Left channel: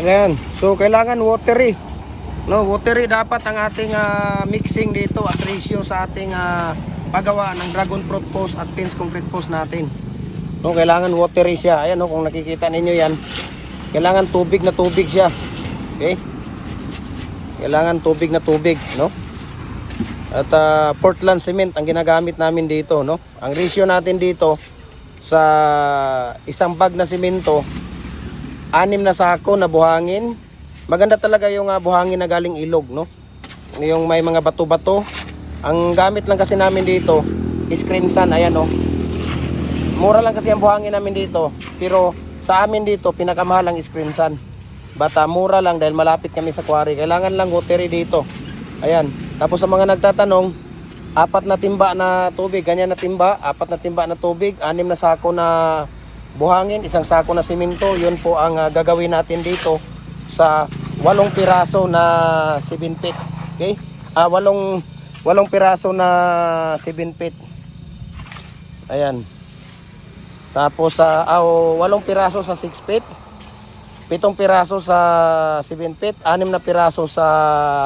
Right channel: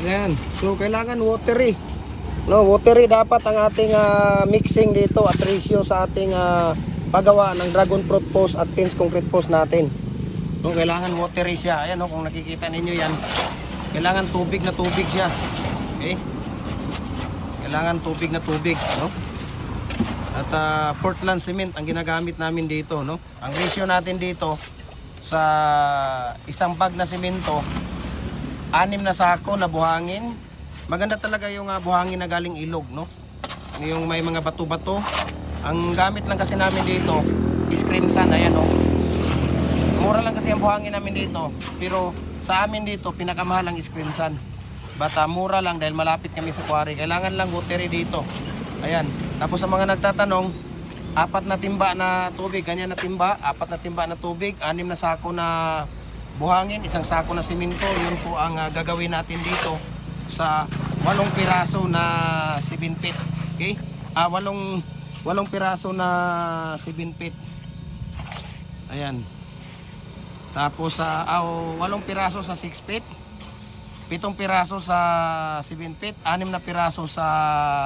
Ayan. So kailangan watery. No, watery dapat ang ating mixing dito at ratio sa ating paggawa ng dragon fruit post at pins concrete post natin. No, kailangan watery siya. Ayan, no, kung nakikita ninyo yan, kailangan tubig na tubig siya. Okay? Kailangan tubig na tubig, no? At Portland cement ang ginagamit namin dito, no? Ang ratio natin dito sa isang bag na semento, 6 na sako na buhangin. Maganda talaga yung buhangin na galing ilog, no? Yung may mga bato-bato. Ang gamit lang kasi namin dito is screen sun, ayan, no? Mura lang kasi ang buhangin namin dito, pero sa amin dito pinakamahal ang screen sun. Bata mura lang dahil malapit kami sa quarry. Kailangan lang watery dito. Ayan. Tapos sa mga nagtatanong, 4 na timba na tubig, ganyan na timba, 4 na timba na tubig, 6 na sako na buhangin, 1 sako na simento. Yun po ang gagawin natin dito sa 8 piraso na 7 feet. Okay? 8 piraso na 7 feet. Ayan. Tapos 8 piraso sa 6 feet. 7 piraso sa 7 feet, 6 na piraso sa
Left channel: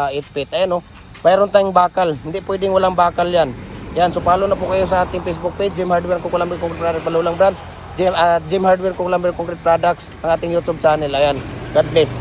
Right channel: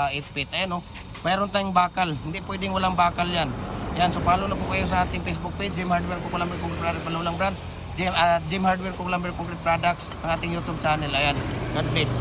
8 feet. Ayan, oh. Mayroon tayong bakal. Hindi pwedeng walang bakal yan. Yan, so follow na po kayo sa ating Facebook page, Jim Hardware Kukulamber Concrete Products, Balulang Branch, Jim Hardware Kukulamber Concrete Products, ang ating YouTube channel. Ayan. God bless.